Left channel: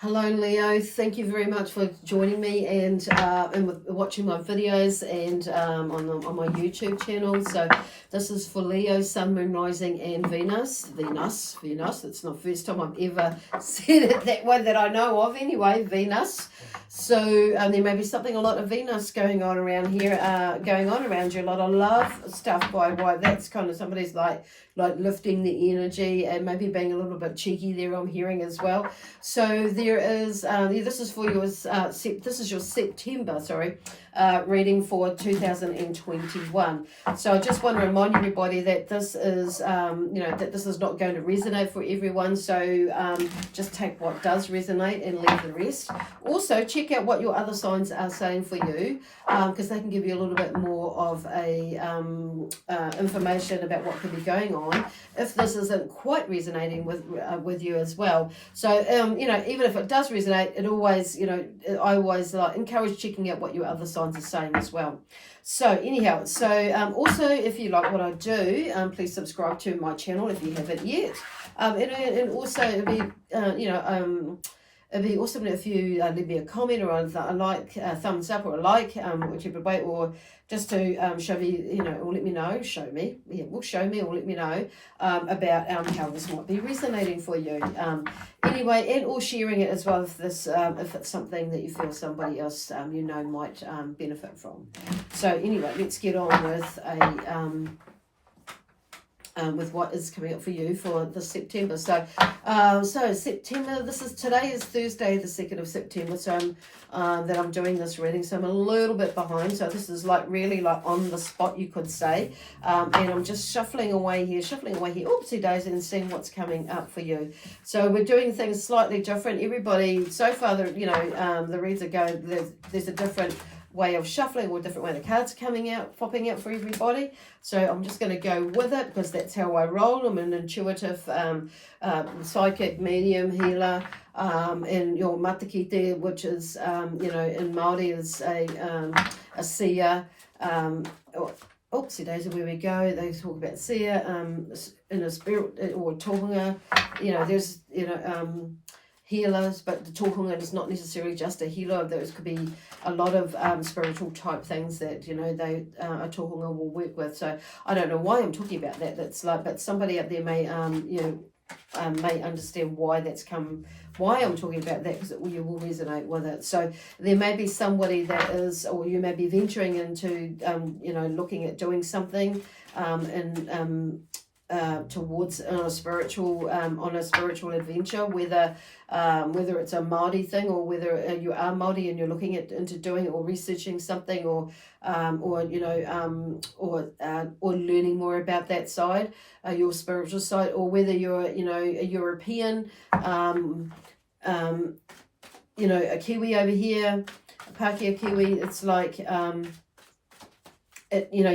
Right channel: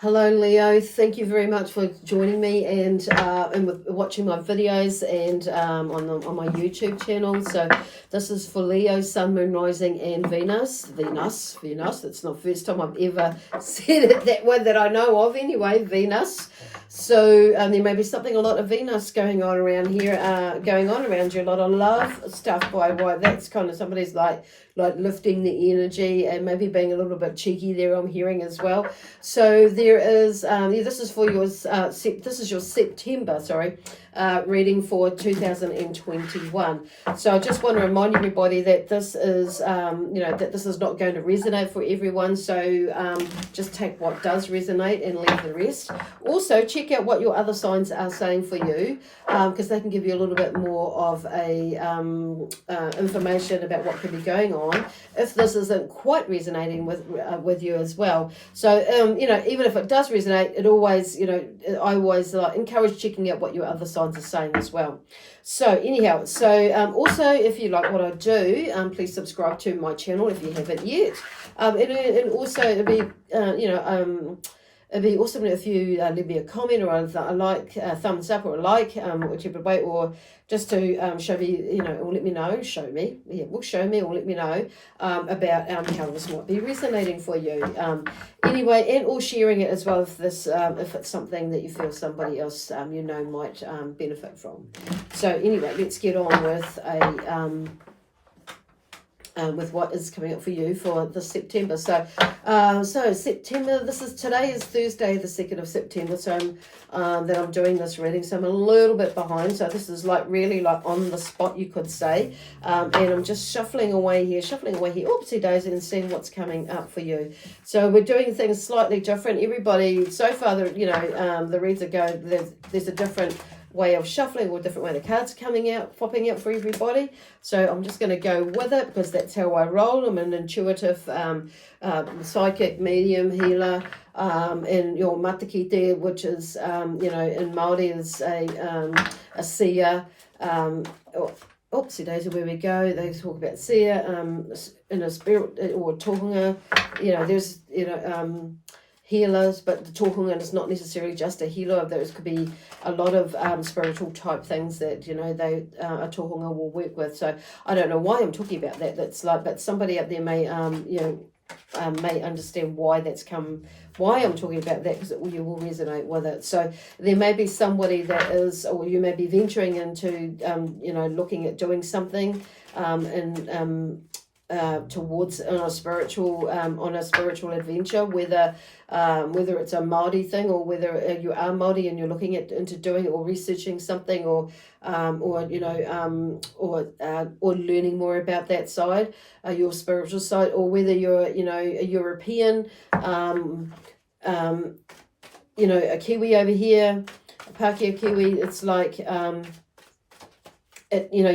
Hello, Leo. Thank you very much for joining me and watching my videos and on my YouTube channel. So this is for Leo, Sun, Moon, Rising, and Venus. Venus. It's not the first time I've ever said it that way that I know of. Anyway, Venus. So there may be a lot of Venus going on around here, going on around you. A lot of love stuff by why that's kind of somebody's like lifting the energy and maybe being a little bit cheeky there. I'm hearing as well. So there is this is for your this is your September reading for 2021. So I just want to remind everybody that this is that this is not going to resonate for everyone. So just take what does resonate and leave the rest. Also check out what your other signs are saying for you, because they can give you a little bit more of a information about what could be going on if this isn't quite resonating with you as well. So even if it does resonate, it always I always encourage checking out what your other signs are saying as well. So anyhow, also if you like what I do, please subscribe to my channel if you haven't yet. And also it'd be it'd be awesome if you leave me a comment or a like, thumbs up or a like, whichever way, or just to show me, or let me know, show me or let me know about how this might be resonating for you. Anyway, and or sharing it as well if this, if it's something that you feel somebody else might benefit from. So anyway, let's get on with what is coming up for you for this September. So September, today is Thursday, the 2nd of September, so that I'm doing this reading, so I'm a little bit behind, so this is really on the spot, you could say, and I'm just shuffling away here, oopsie daisy, and seeing what's coming up for you. So we're doing things slightly different. Everybody, so far, the reads are going, there's a different way of shuffling or a different way the cards popping out for everybody. So I'm just going to go with it because that's how I roll. I'm an intuitive psychic, medium, healer, and your matakite, which is in Māori is a seer. Oopsie daisy, where we go, they talk about seer in a spirit or tohunga. There's healers, but the tohunga is not necessarily just a healer. Those could be a lot of spiritual type things that they a tohunga will work with. So I don't know why I'm talking about that. That's but somebody up there may may understand why I'm talking about that, because you will resonate with it. So there may be somebody that is, or you may be venturing into looking at doing something towards on a spiritual adventure, whether it's a Māori thing or whether you are Māori and you're looking into doing it or researching something or learning more about that side, your spiritual side, or whether you're a European, a Kiwi over here, a Pākehā Kiwi. It's like you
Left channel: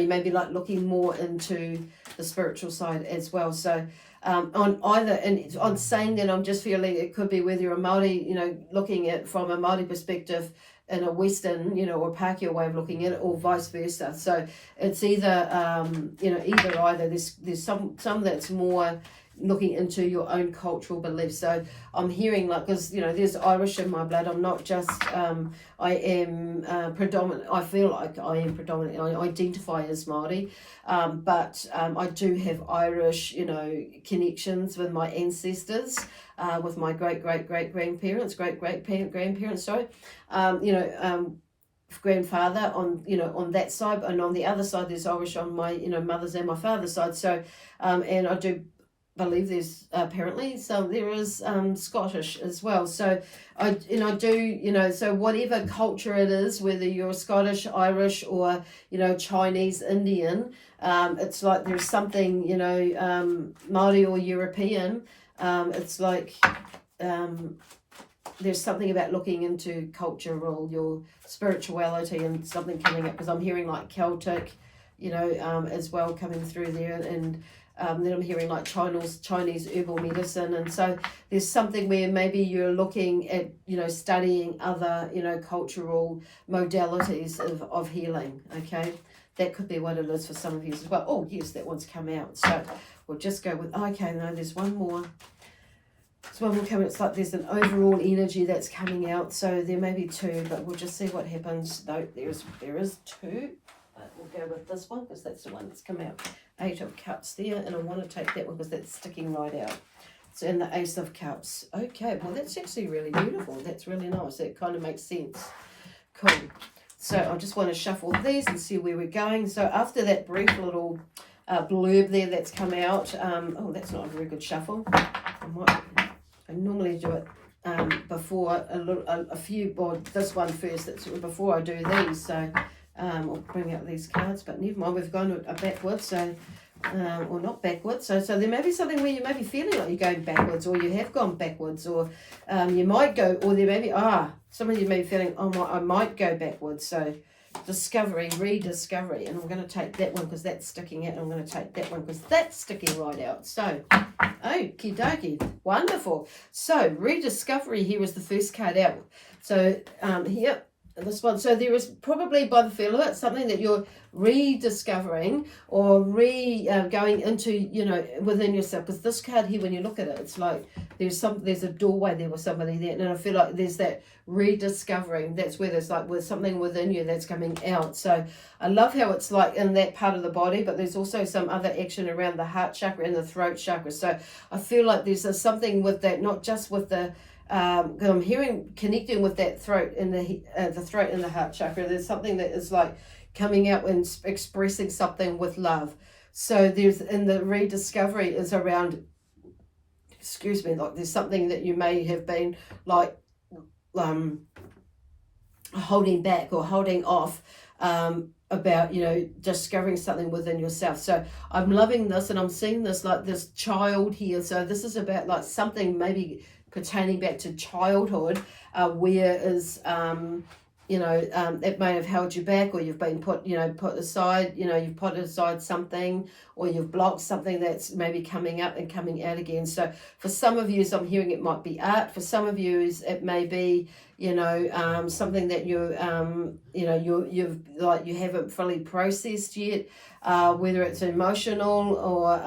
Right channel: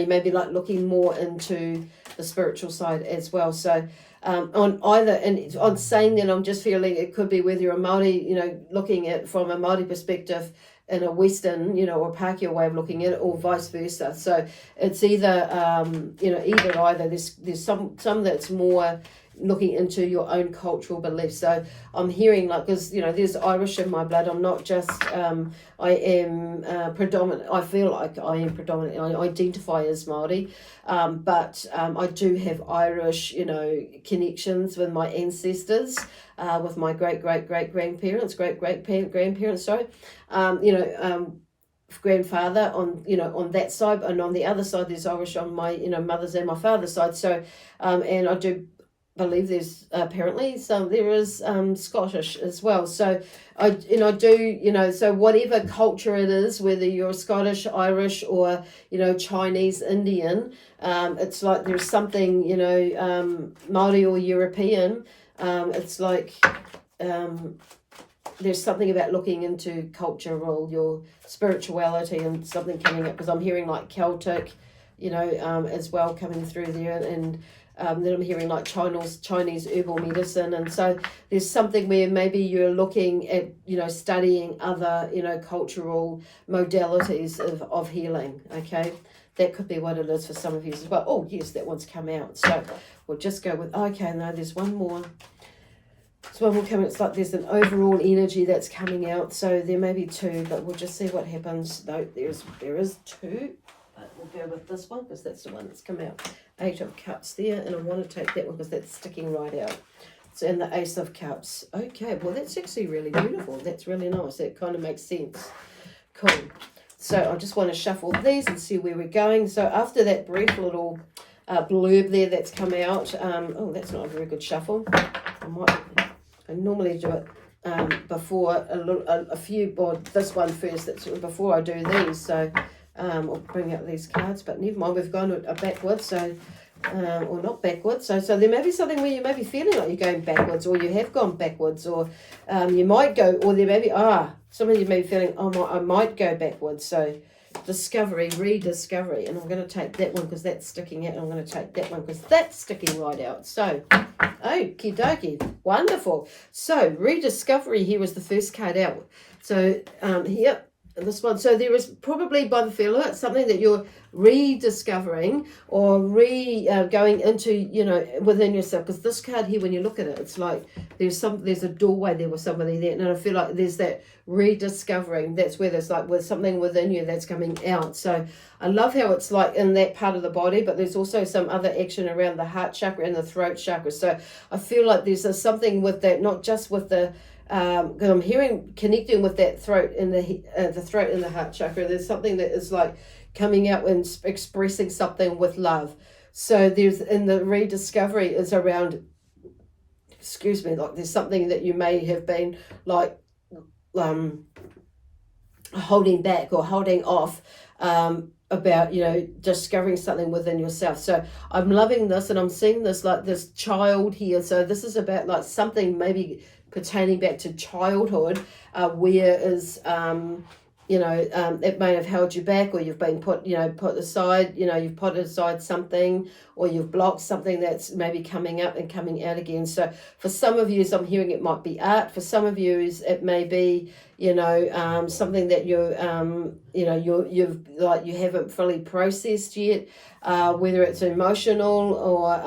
may be looking more into the spiritual side as well. So on saying that, I'm just feeling it could be whether you're a Māori, looking at from a Māori perspective in a Western, or Pākehā way of looking at it, or vice versa. So it's either either. There's some that's more looking into your own cultural beliefs. So I'm hearing because there's Irish in my blood. I'm not just I am predominant. I feel like I am predominant. I identify as Māori, but I do have Irish connections with my ancestors, with my great grandparents, grandfather on that side, and on the other side there's Irish on my mother's and my father's side. So and I do believe there's apparently there is Scottish as well. So I do so whatever culture it is, whether you're Scottish, Irish, or Chinese, Indian, it's like there's something Māori or European. It's like there's something about looking into cultural, your spirituality, and something coming up, because I'm hearing Celtic, as well coming through there, and then I'm hearing Chinese herbal medicine. And so there's something where maybe you're looking at, studying other, cultural modalities of healing, okay? That could be what it is for some of you as well. Oh, yes, that one's come out. So we'll just go with, okay, no, there's one more. So one more coming, it's like there's an overall energy that's coming out. So there may be two, but we'll just see what happens. No, there is two. We'll go with this one because that's the one that's come out. 8 of Cups there, and I want to take that one because that's sticking right out. So, and the Ace of Cups. Okay, well that's actually really beautiful. That's really nice. That kind of makes sense. Cool. So I just want to shuffle these and see where we're going. So after that brief little blurb there that's come out, oh, that's not a very good shuffle. I normally do it before a few, or this one first. That's before I do these. So I'll bring out these cards, but never mind. We've gone backwards, so or not backwards. So there may be something where you may be feeling like you're going backwards, or you have gone backwards, or you might go, or there may be some of you may be feeling, I might go backwards. So discovery, rediscovery, and I'm going to take that one because that's sticking out, and I'm going to take that one because that's sticking right out. So okie dokie, wonderful. So rediscovery here was the first card out. So here, this one, so there is probably, by the feel of it, something that you're rediscovering or going into, within yourself. Because this card here, when you look at it, it's like there's a doorway there with somebody there, and I feel like there's that rediscovering. That's where there's like with something within you that's coming out. So I love how it's like in that part of the body, but there's also some other action around the heart chakra and the throat chakra. So I feel like there's something with that, not just with the I'm hearing connecting with that throat and the throat and the heart chakra. There's something that is like coming out and expressing something with love. So there's in the rediscovery is around, like there's something that you may have been like holding back or holding off about discovering something within yourself. So I'm loving this, and I'm seeing this like this child here. So this is about like something maybe pertaining back to childhood, where is it may have held you back, or you've been put aside, you've put aside something, or you've blocked something that's maybe coming up and coming out again. So for some of you, I'm hearing it might be art. For some of you, it may be something that you haven't fully processed yet, whether it's emotional or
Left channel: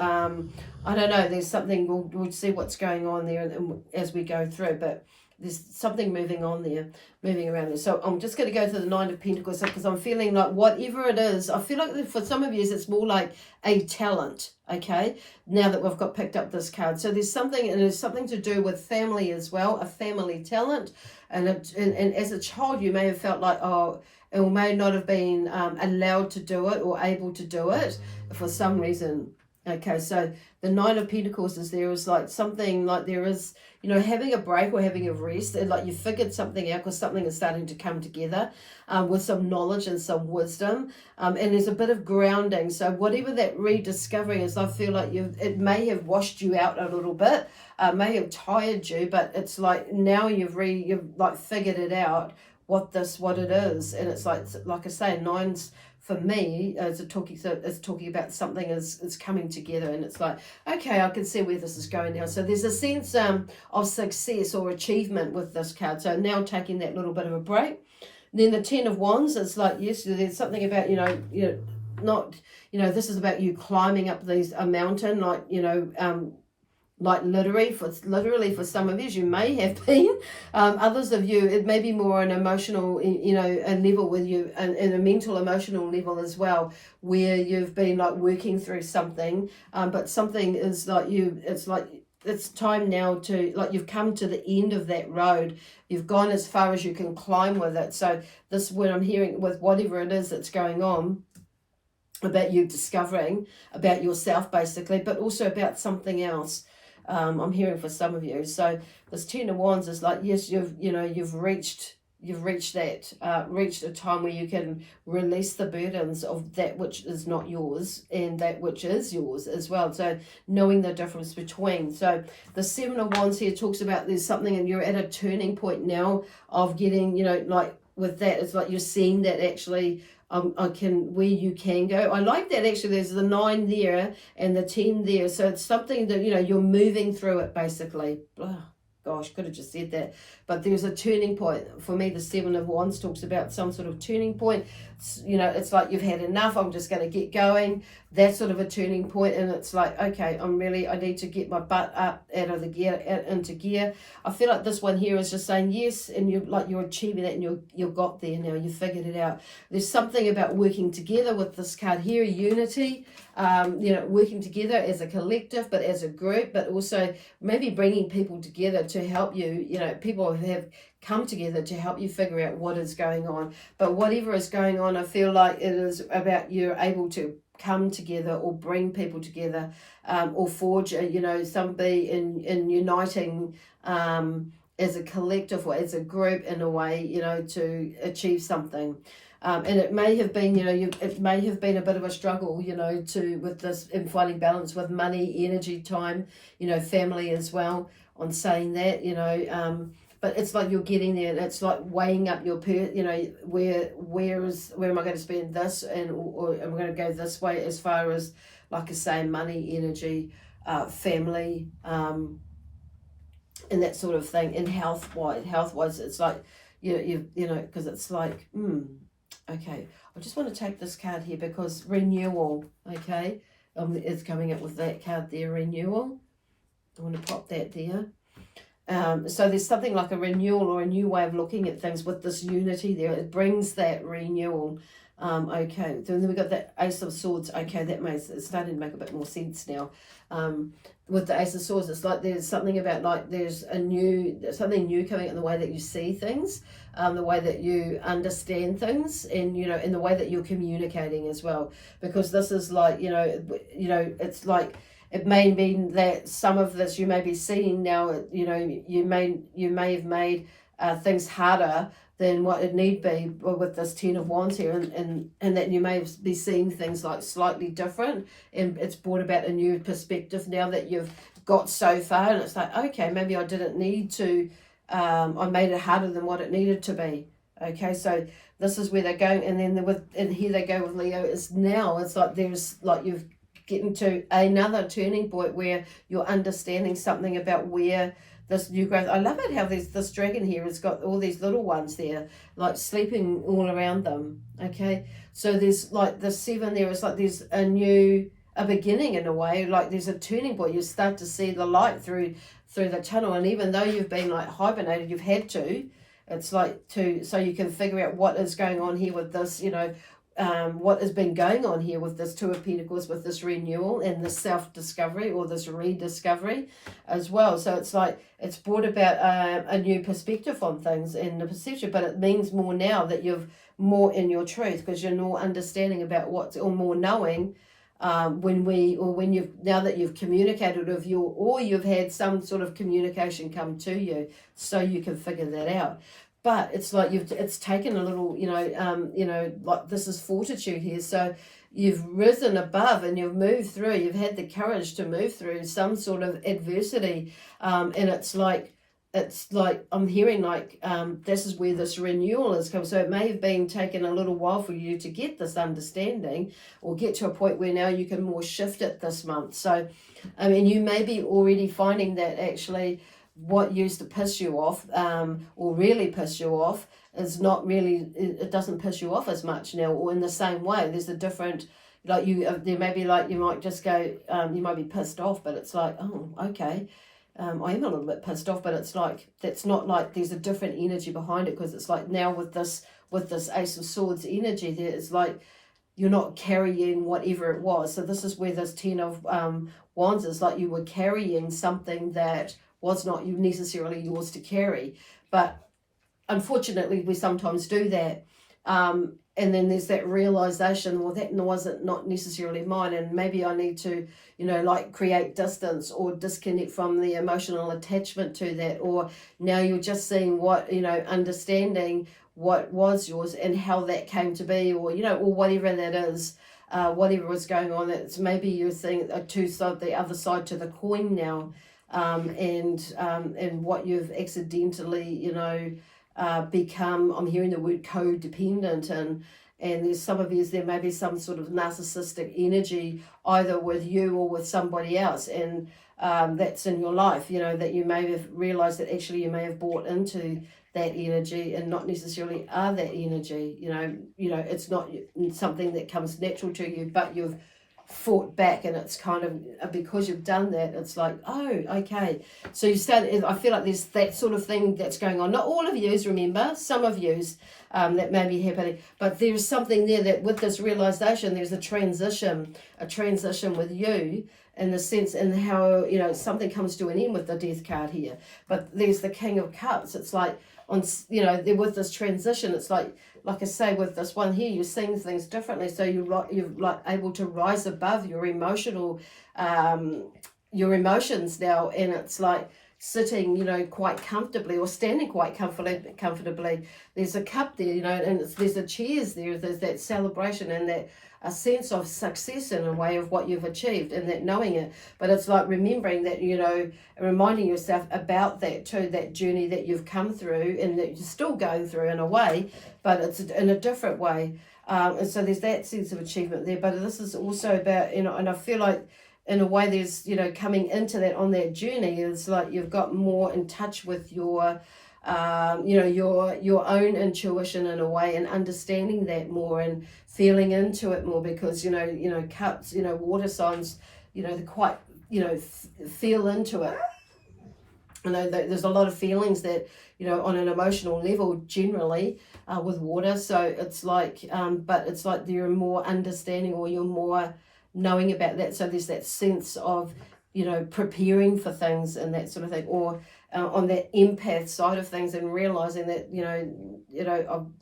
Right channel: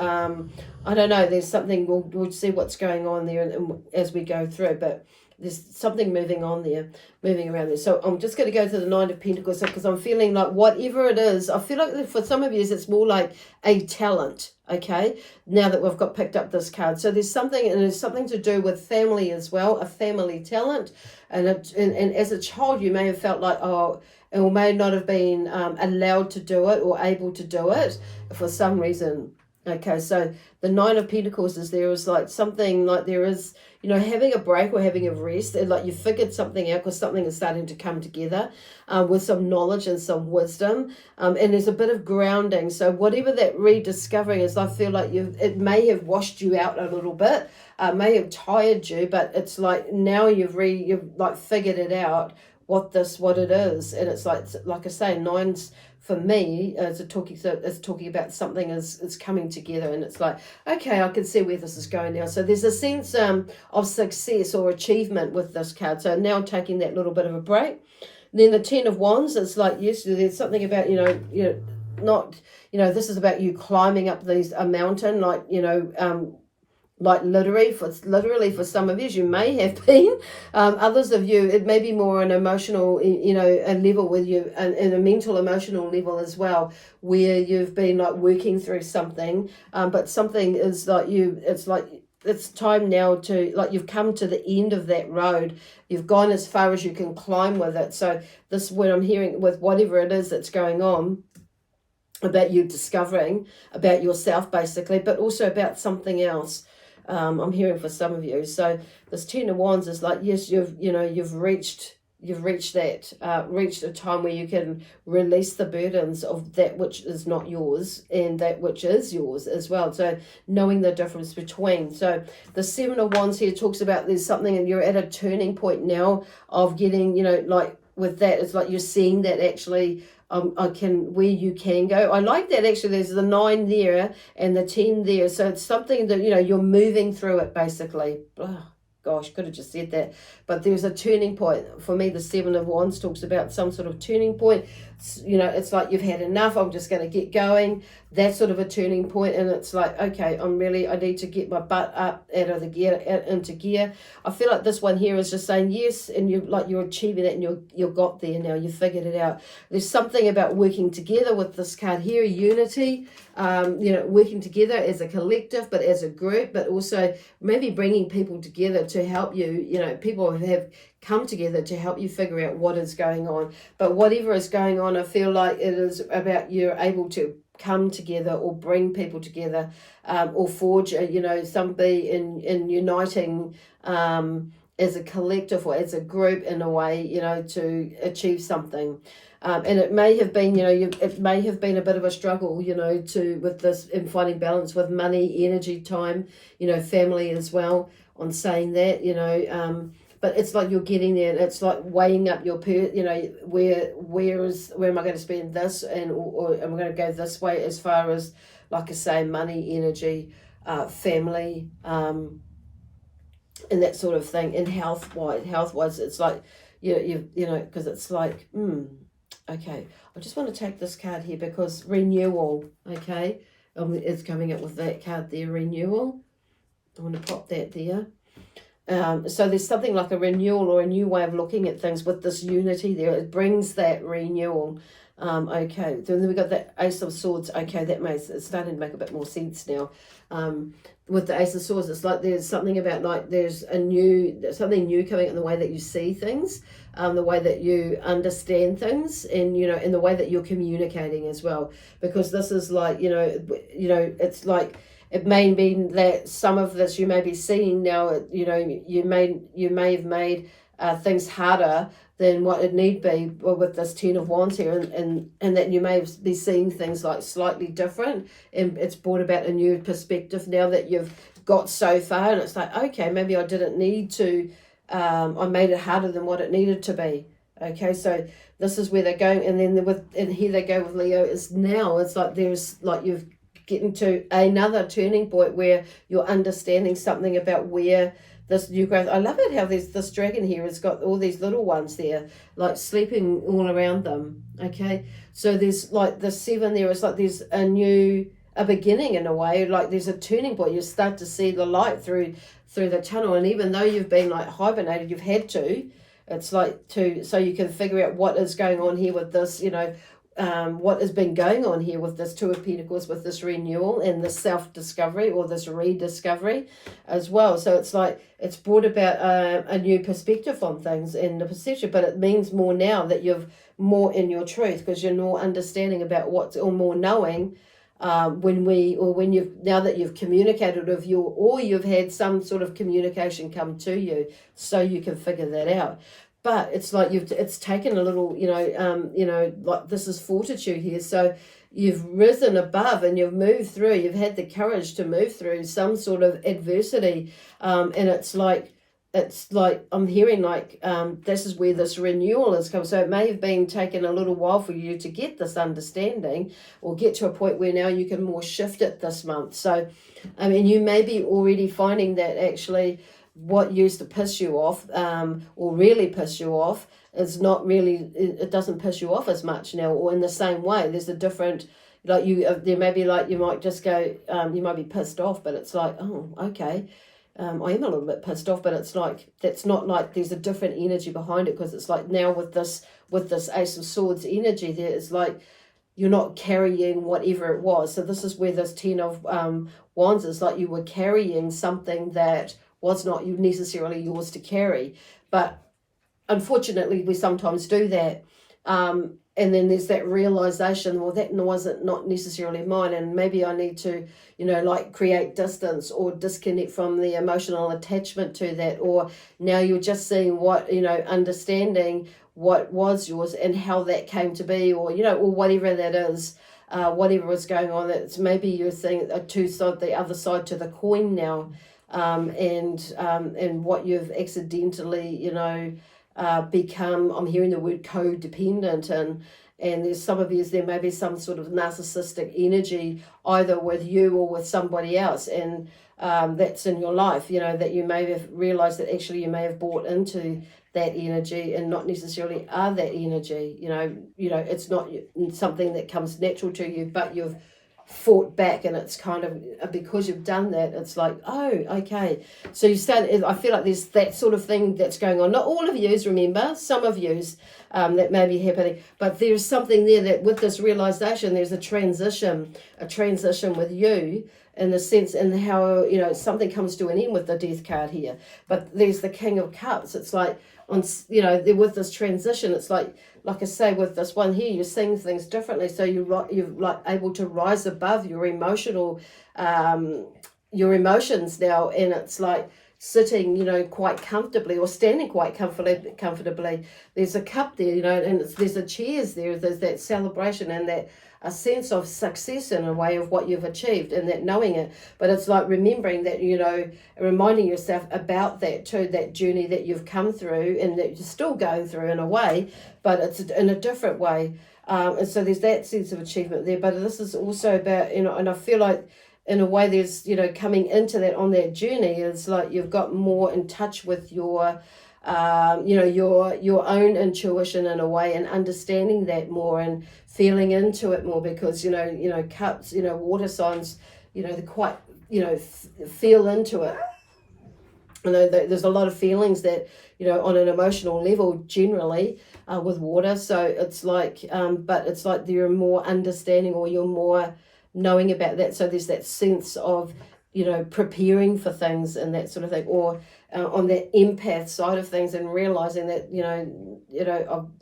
I don't know. There's something we'll see what's going on there and as we go through, but there's something moving around there. So I'm just going to go to the 9 of Pentacles because I'm feeling like whatever it is, I feel like for some of you it's more like a talent, okay, now that we've got picked up this card. So there's something, and it's something to do with family as well, a family talent. And as a child, you may have felt like, or may not have been allowed to do it or able to do it for some reason. Okay, so the 9 of Pentacles is like something like there is, having a break or having a rest, and like you figured something out because something is starting to come together with some knowledge and some wisdom, and there's a bit of grounding. So whatever that rediscovering is, I feel like it may have washed you out a little bit, may have tired you, but it's like now you've like figured it out what it is, and it's like I say, 9's for me it's talking about something is coming together, and it's like, okay, I can see where this is going now. So there's a sense of success or achievement with this card. So now taking that little bit of a break. Then the 10 of Wands is like, yes, there's something about this is about you climbing up a mountain, like literally for some of you may have been. Others of you, it may be more an emotional, a level with you, and a mental, emotional level as well, where you've been like working through something, but something is like it's time now to, like, you've come to the end of that road. You've gone as far as you can climb with it. So this is what I'm hearing with whatever it is that's going on, about you discovering about yourself basically, but also about something else. I'm hearing for some of you. So this 10 of Wands is like, yes, you've reached a time where you can release the burdens of that which is not yours and that which is yours as well. So knowing the difference between. So the 7 of Wands here talks about there's something, and you're at a turning point now of getting, like with that, it's like you're seeing that actually where you can go. I like that actually. There's the 9 there and the 10 there. So it's something that, you're moving through it basically. Ugh. gosh, could have just said that. But there's a turning point. For me, the Seven of Wands talks about some sort of turning point. It's like you've had enough. I'm just going to get going. That's sort of a turning point. And it's like, okay, I need to get my butt up out of the gear, into gear. I feel like this one here is just saying yes. And you're achieving it, and you've got there now. You figured it out. There's something about working together with this card here, unity. Working together as a collective, but as a group, but also maybe bringing people together to help you. People have come together to help you figure out what is going on. But whatever is going on, I feel like it is about you're able to come together or bring people together, or forge, somebody in uniting as a collective or as a group in a way, to achieve something. And it may have been, it may have been a bit of a struggle, with this, in finding balance with money, energy, time, family as well, on saying that, but it's like you're getting there. It's like weighing up your, where am I going to spend this, or am I going to go this way, as far as, like I say, money, energy, family, and that sort of thing. And health-wise, it's like, because it's like, okay, I just want to take this card here because renewal, okay, it's coming up with that card there, renewal. I want to pop that there. So there's something like a renewal or a new way of looking at things with this unity there. It brings that renewal. Okay, then we got the Ace of Swords. Okay, it's starting to make a bit more sense now. With the Ace of Swords, it's like there's something about, like, there's something new coming in the way that you see things, the way that you understand things, and in the way that you're communicating as well. Because this is like, it's like, it may mean that some of this you may be seeing now, you may have made things harder than what it need be with this Ten of Wands here, and that you may be seeing things like slightly different, and it's brought about a new perspective now that you've got so far, and it's like, okay, maybe I didn't need to, I made it harder than what it needed to be. Okay, so this is where they're going, and then and here they go with Leo. It's like there's like you've getting to another turning point where you're understanding something about where this new growth. I love it how there's this dragon here has got all these little ones there, like sleeping all around them. Okay, so there's like the 7 there is like there's a beginning in a way, like there's a turning point. You start to see the light through the tunnel, and even though you've been like hibernated, you've had to. It's like so you can figure out what is going on here with this, what has been going on here with this Two of Pentacles, with this renewal and this self-discovery or this rediscovery as well. So it's like it's brought about a new perspective on things and the perception, but it means more now that you've more in your truth, because you're more understanding about what's, or more knowing now that you've communicated with you've had some sort of communication come to you, so you can figure that out. But it's like it's taken a little, like this is fortitude here. So you've risen above and you've moved through. You've had the courage to move through some sort of adversity, and it's like I'm hearing like this is where this renewal has come. So it may have been taken a little while for you to get this understanding, or get to a point where now you can more shift it this month. So I mean, you may be already finding that actually what used to piss you off, or really piss you off, is not really, it doesn't piss you off as much now, or in the same way. There's a different, like there may be like, you might just go, you might be pissed off, but it's like, oh, okay, I am a little bit pissed off, but it's like, that's not like there's a different energy behind it, because it's like now with this Ace of Swords energy there, it's like you're not carrying whatever it was. So this is where this Ten of Wands is like you were carrying something that was not necessarily yours to carry. But unfortunately, we sometimes do that. And then there's that realization, well, that wasn't not necessarily mine, and maybe I need to, like create distance or disconnect from the emotional attachment to that. Or now you're just seeing what, understanding what was yours and how that came to be, or, or whatever that is. Whatever was going on, it's maybe you're seeing the other side to the coin now. And what you've accidentally, become. I'm hearing the word codependent, and there's some of you, there may be some sort of narcissistic energy either with you or with somebody else, and that's in your life, you know, that you may have realized that actually you may have bought into that energy and not necessarily are that energy. It's not something that comes natural to you, but you've fought back, and it's kind of, because you've done that, it's like, oh, okay. So you start, I feel like there's that sort of thing that's going on. Not all of yous, remember, some of yous, that may be happening, but there's something there that with this realization, there's a transition with you, in the sense, and how, something comes to an end with the Death card here. But there's the King of Cups. It's like, with this transition, it's like I say, with this one here, you're seeing things differently. So you're like able to rise above your emotional, your emotions now, and it's like sitting, quite comfortably, or standing quite comfortably. There's a cup there, and there's a cheers there. There's that celebration and that a sense of success in a way of what you've achieved, and that knowing it. But it's like remembering that, reminding yourself about that too, that journey that you've come through and that you're still going through in a way, but it's in a different way. And so there's that sense of achievement there. But this is also about, and I feel like in a way there's, coming into that on that journey, it's like you've got more in touch with your your own intuition in a way, and understanding that more and feeling into it more, because cups, water signs, they're quite, feel into it. There's a lot of feelings that, on an emotional level generally, with water. So it's like, but it's like you're more understanding, or you're more knowing about that. So there's that sense of, preparing for things and that sort of thing, or on that empath side of things, and realizing that,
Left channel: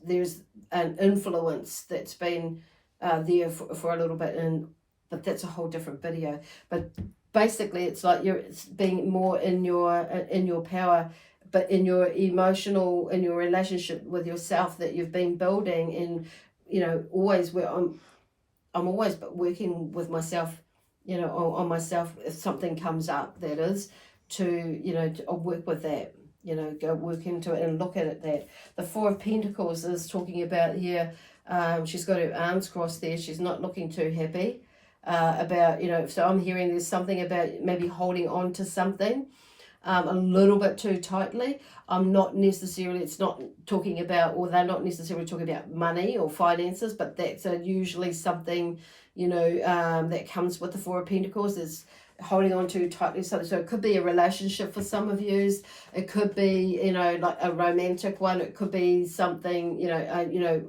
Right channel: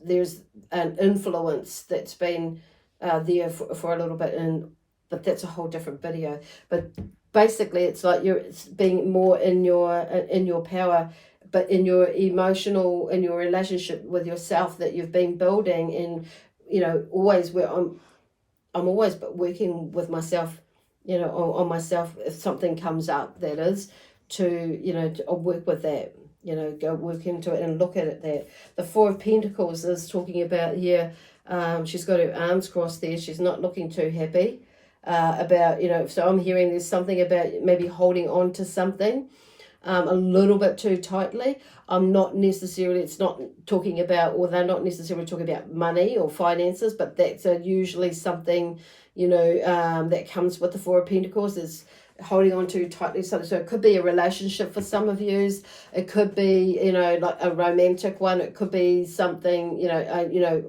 there's an influence that's been there for a little bit, but that's a whole different video. But basically, it's like it's being more in your power, but in your emotional, in your relationship with yourself that you've been building, and always where I'm always working with myself, on myself. If something comes up, that is, to work with that, go work into it and look at it. That the Four of Pentacles is talking about here. She's got her arms crossed there. She's not looking too happy about, so I'm hearing there's something about maybe holding on to something a little bit too tightly. I'm not necessarily, it's not talking about, or they're not necessarily talking about money or finances, but that's usually something, that comes with the Four of Pentacles, is holding on to tightly something. So it could be a relationship for some of you. It could be, like a romantic one. It could be something,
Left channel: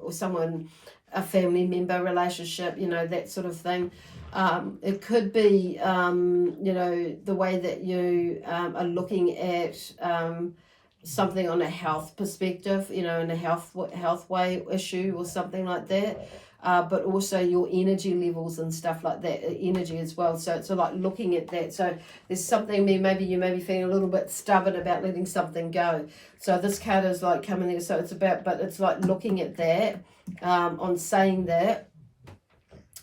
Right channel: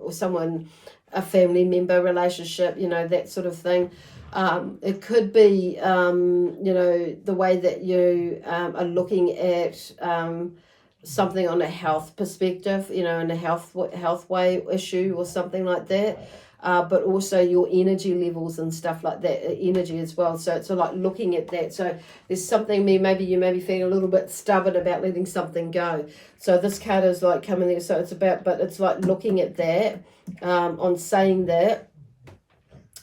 or someone, a family member relationship, that sort of thing. It could be, the way that you are looking at something on a health perspective, in a health way issue or something like that. But also your energy levels and stuff like that, energy as well. So it's like looking at that. So there's something, maybe you may be feeling a little bit stubborn about letting something go. So this card is like coming there. So it's about, but it's like looking at that, on saying that,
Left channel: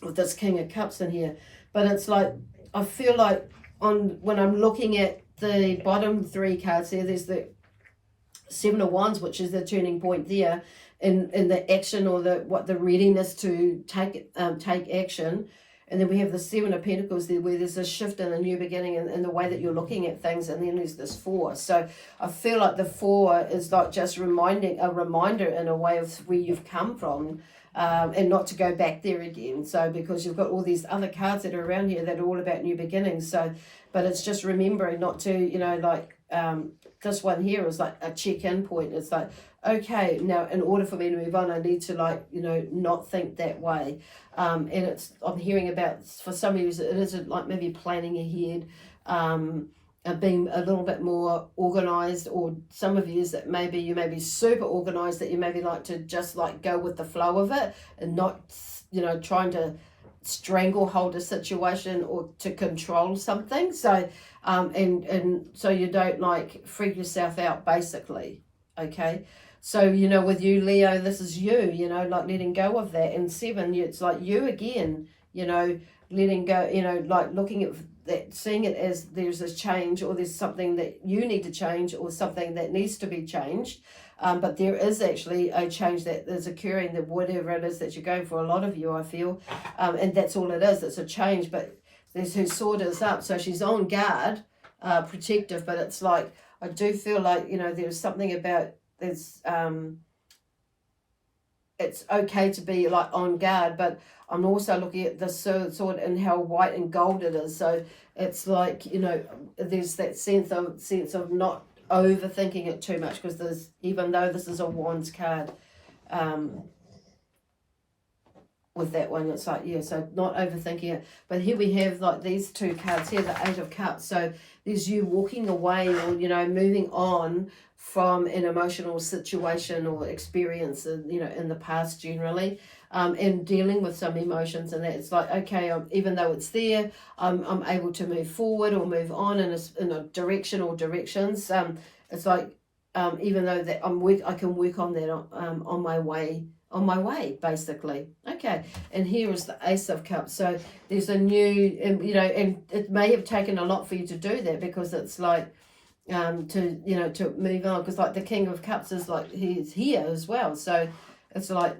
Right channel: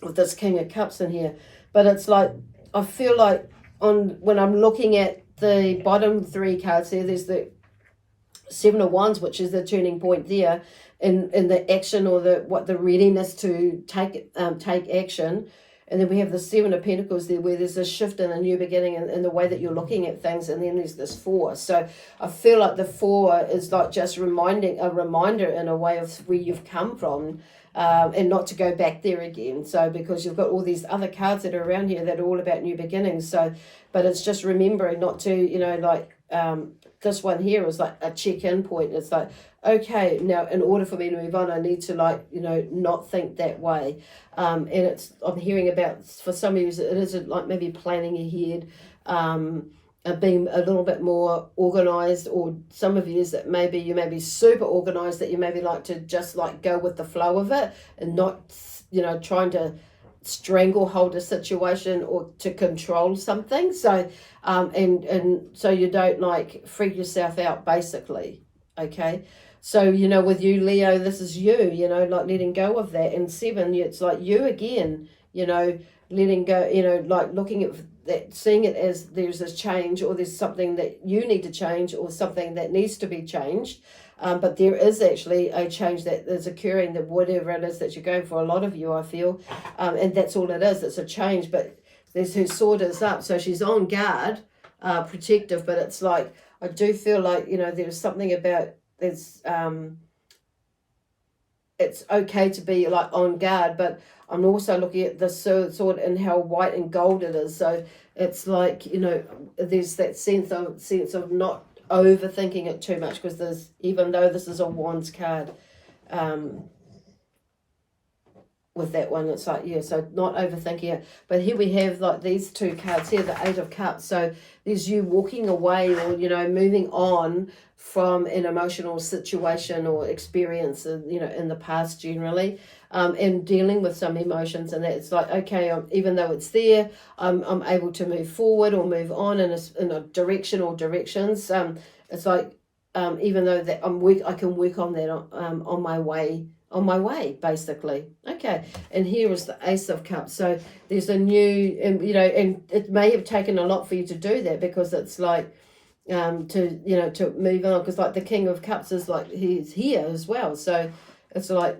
with this King of Cups in here. But it's like, I feel like when I'm looking at the bottom three cards here, there's the Seven of Wands, which is the turning point there, in the action, or the readiness to take action. And then we have the Seven of Pentacles there, where there's a shift and a new beginning in the way that you're looking at things. And then there's this Four. So I feel like the Four is like just a reminder in a way of where you've come from, and not to go back there again. So because you've got all these other cards that are around here that are all about new beginnings. So, but it's just remembering not to, this one here is like a check-in point. It's like, okay, now in order for me to move on, I need to not think that way. And I'm hearing about, for some of you, it is like maybe planning ahead, being a little bit more organized, or some of you is that maybe you may be super organized, that you maybe like to just go with the flow of it, and not, trying to stranglehold a situation or to control something. So and so you don't freak yourself out, basically. Okay, so with you, Leo, this is you, letting go of that. And Seven, it's like you again, letting go, looking at that, seeing it as there's a change, or there's something that you need to change, or something that needs to be changed. But there is actually a change that is occurring, that whatever it is that you're going for, a lot of you, I feel, and that's all it is. It's a change. But there's her sword is up, so she's on guard. protective, but it's like, I do feel like, there's something about, it's okay to be like on guard, but I'm also looking at the sword and how white and gold it is. So it's like, there's that sense of not overthinking it too much, because even though this is a wands card, with that one, it's like, so not overthinking it. But here we have like these two cards here, the Eight of Cups. So there's you walking away, or moving on from an emotional situation or experience, in the past generally, and dealing with some emotions, and it's like, okay, even though it's there, I'm able to move forward or move on in a direction or directions. It's like, even though that I can work on that on my way, basically. Okay, and here is the Ace of Cups. So there's a new, and it may have taken a lot for you to do that, because it's like, to move on, because like the King of Cups is like, he's here as well. So it's like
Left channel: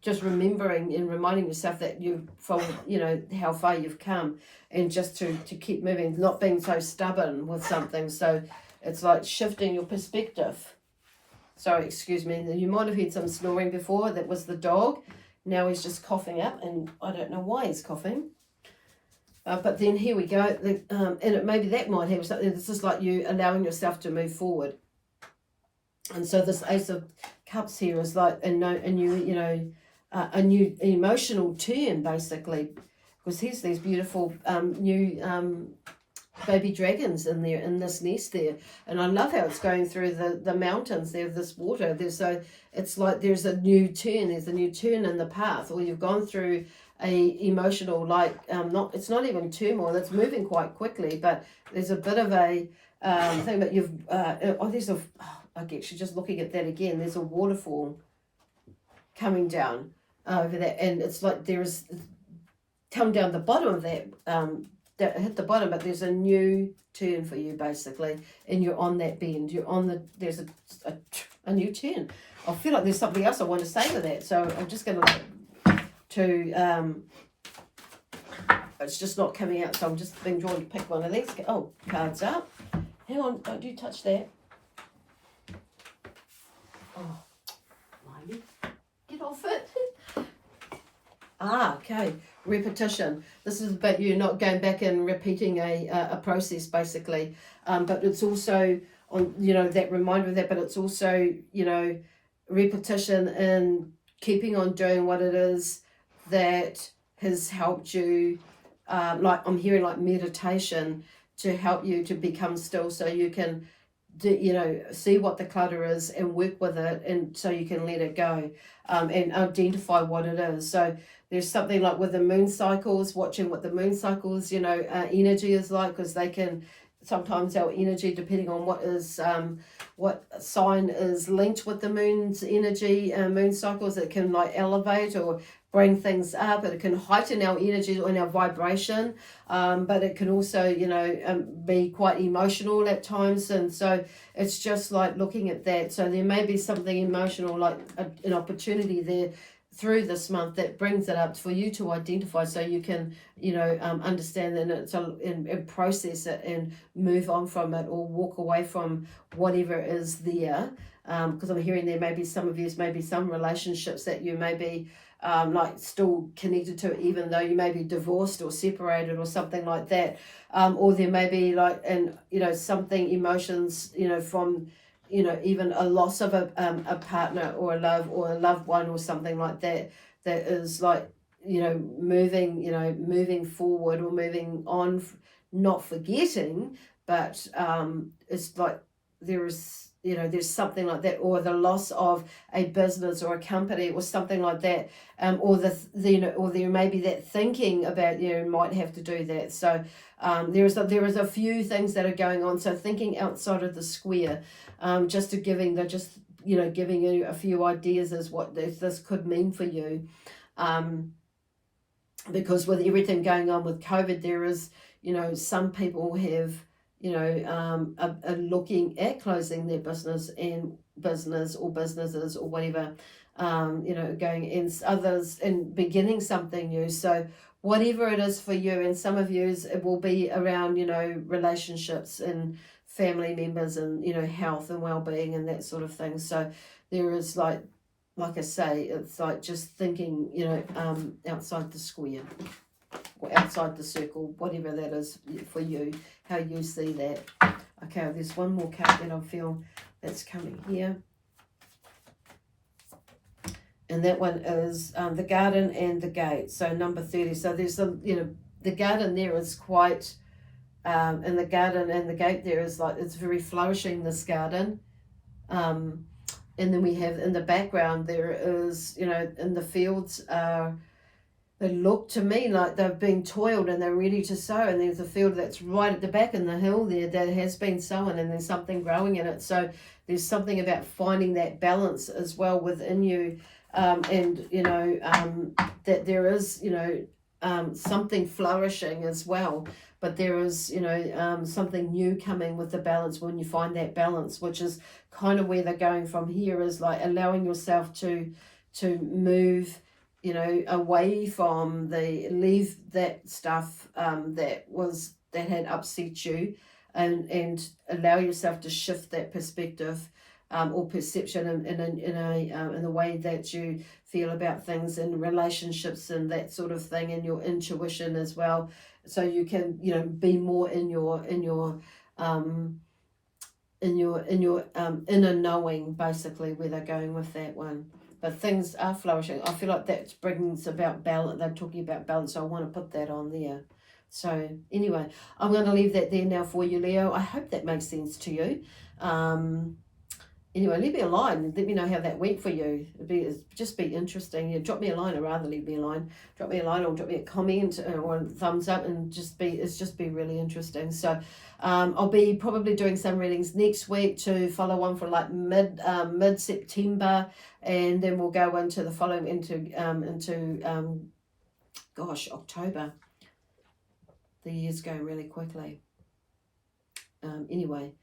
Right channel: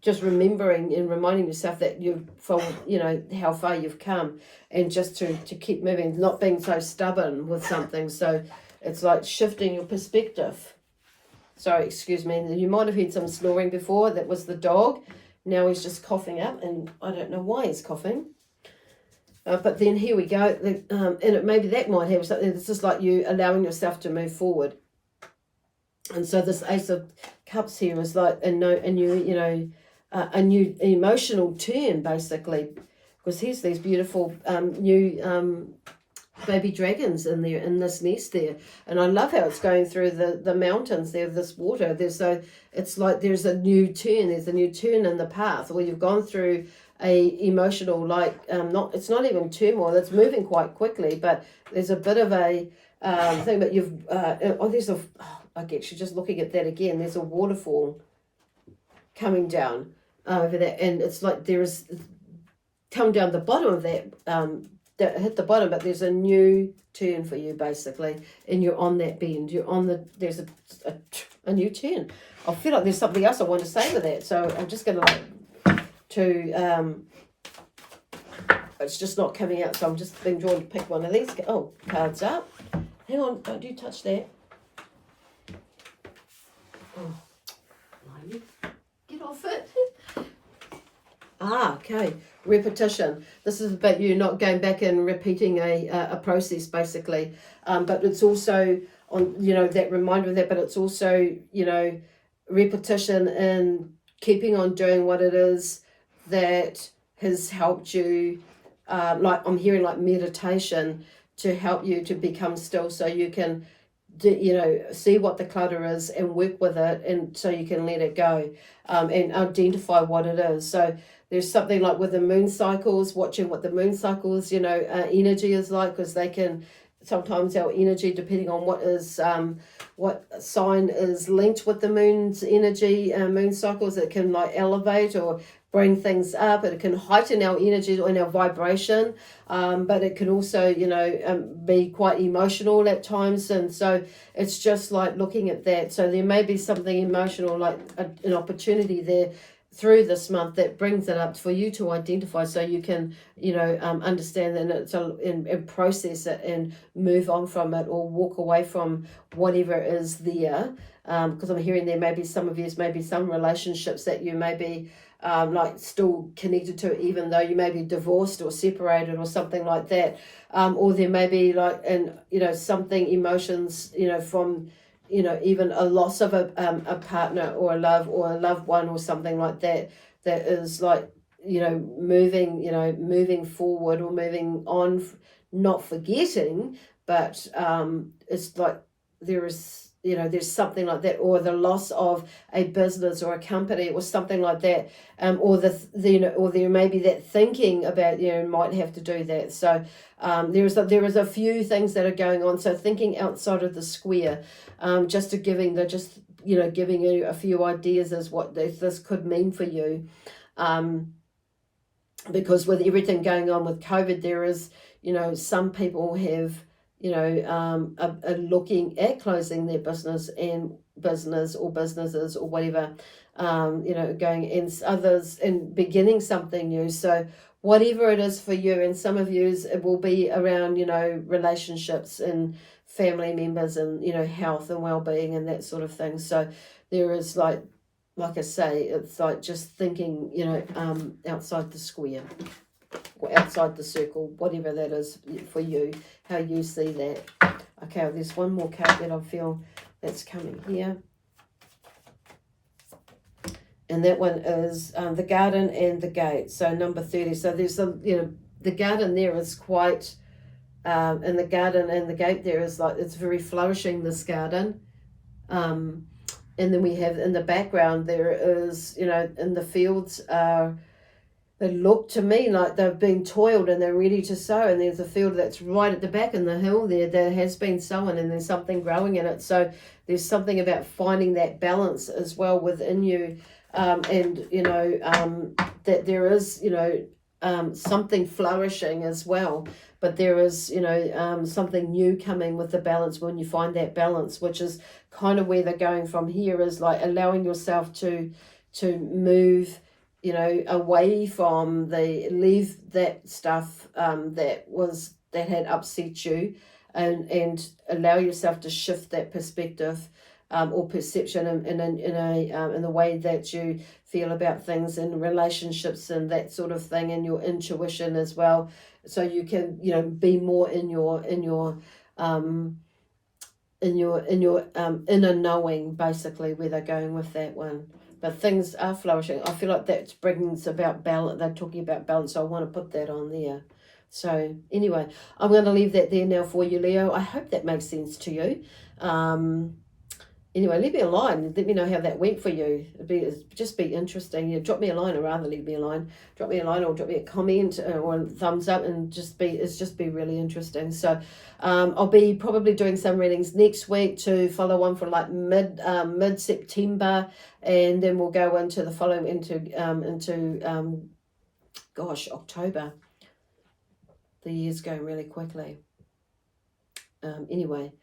just remembering and reminding yourself that how far you've come, and just to keep moving, not being so stubborn with something. So it's like shifting your perspective. Sorry, excuse me. You might have heard some snoring before. That was the dog. Now he's just coughing up, and I don't know why he's coughing. But then here we go. And maybe that might have something. This is like you allowing yourself to move forward. And so this Ace of Cups here is like a new emotional turn, basically, because here's these beautiful new baby dragons in there, in this nest there. And I love how it's going through the mountains there, this water. It's like there's a new turn. There's a new turn in the path, or you've gone through a emotional, like, it's not even turmoil, it's moving quite quickly, but there's a bit of a thing. But I guess you're just looking at that again. There's a waterfall coming down over there, and it's like there's come down the bottom of that, hit the bottom, but there's a new turn for you, basically, and you're on that bend. There's a new turn. I feel like there's something else I want to say with that, so I'm just going to it's just not coming out, so I'm just being drawn to pick one of these cards up. Hang on, don't you touch that. Get off it. Okay. Repetition. This is about you not going back and repeating a process, basically. But it's also on, that reminder of that, but it's also, repetition and keeping on doing what it is that has helped you, like I'm hearing like meditation, to help you to become still, so you can see what the clutter is and work with it, and so you can let it go, and identify what it is. So there's something like with the moon cycles, watching what the moon cycles, energy is like, because they can, sometimes our energy, depending on what sign is linked with the moon's energy, moon cycles, it can like elevate or bring things up. It can heighten our energy and our vibration, but it can also, be quite emotional at times. And so it's just like looking at that. So there may be something emotional, like an opportunity there through this month that brings it up for you to identify, so you can, understand and and process it and move on from it, or walk away from whatever is there. Because I'm hearing there may be some of you, maybe some relationships that you may be like still connected to, even though you may be divorced or separated or something like that. Or there may be like, something, emotions, from, even a loss of a partner or a loved one or something like that, that is like, moving forward or moving on, not forgetting, but it's like there's something like that, or the loss of a business or a company or something like that, or or there may be that thinking about, might have to do that. So there is a few things that are going on. So thinking outside of the square, giving you a few ideas as what this could mean for you, because with everything going on with COVID, there is, some people have, are looking at closing their business or businesses or whatever, going, and others and beginning something new. So whatever it is for you. And some of yous, it will be around, you know, relationships and family members and, you know, health and well-being and that sort of thing. So there is like I say, it's like just thinking, you know, outside the square or outside the circle, whatever that is for you, how you see that. Okay, there's one more card that I feel that's coming here. And that one is the garden and the gate. So number 30. So there's the, you know, the garden there is quite, and the garden and the gate there is like, it's very flourishing, this garden. And then we have in the background, there is, you know, in the fields, they look to me like they've been toiled and they're ready to sow. And there's a field that's right at the back in the hill there that has been sown, and there's something growing in it. So there's something about finding that balance as well within you. And, you know, that there is, you know, something flourishing as well. But there is, you know, something new coming with the balance when you find that balance, which is kind of where they're going from here, is like allowing yourself to move, you know, away from leave that stuff that had upset you, and allow yourself to shift that perspective or perception in the way that you feel about things and relationships and that sort of thing, and your intuition as well, so you can, you know, be more in your inner knowing, basically, where they're going with that one. But things are flourishing. I feel like that brings about balance. They're talking about balance, so I want to put that on there. So anyway, I'm going to leave that there now for you, Leo. I hope that makes sense to you. Anyway, leave me a line. Let me know how that went for you. It'd just be interesting. You know, drop me a line, or rather leave me a line. Drop me a line or drop me a comment or a thumbs up, and it's just be really interesting. So I'll be probably doing some readings next week to follow on for like mid-September, and then we'll go into the following into October. The year's going really quickly. Anyway,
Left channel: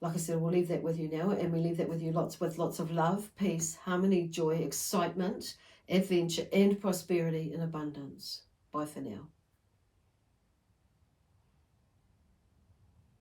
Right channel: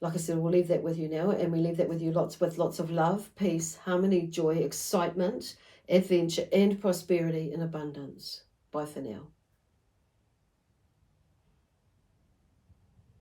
like I said, we'll leave that with you now, and we leave that with you with lots of love, peace, harmony, joy, excitement, adventure, and prosperity in abundance. Bye for now.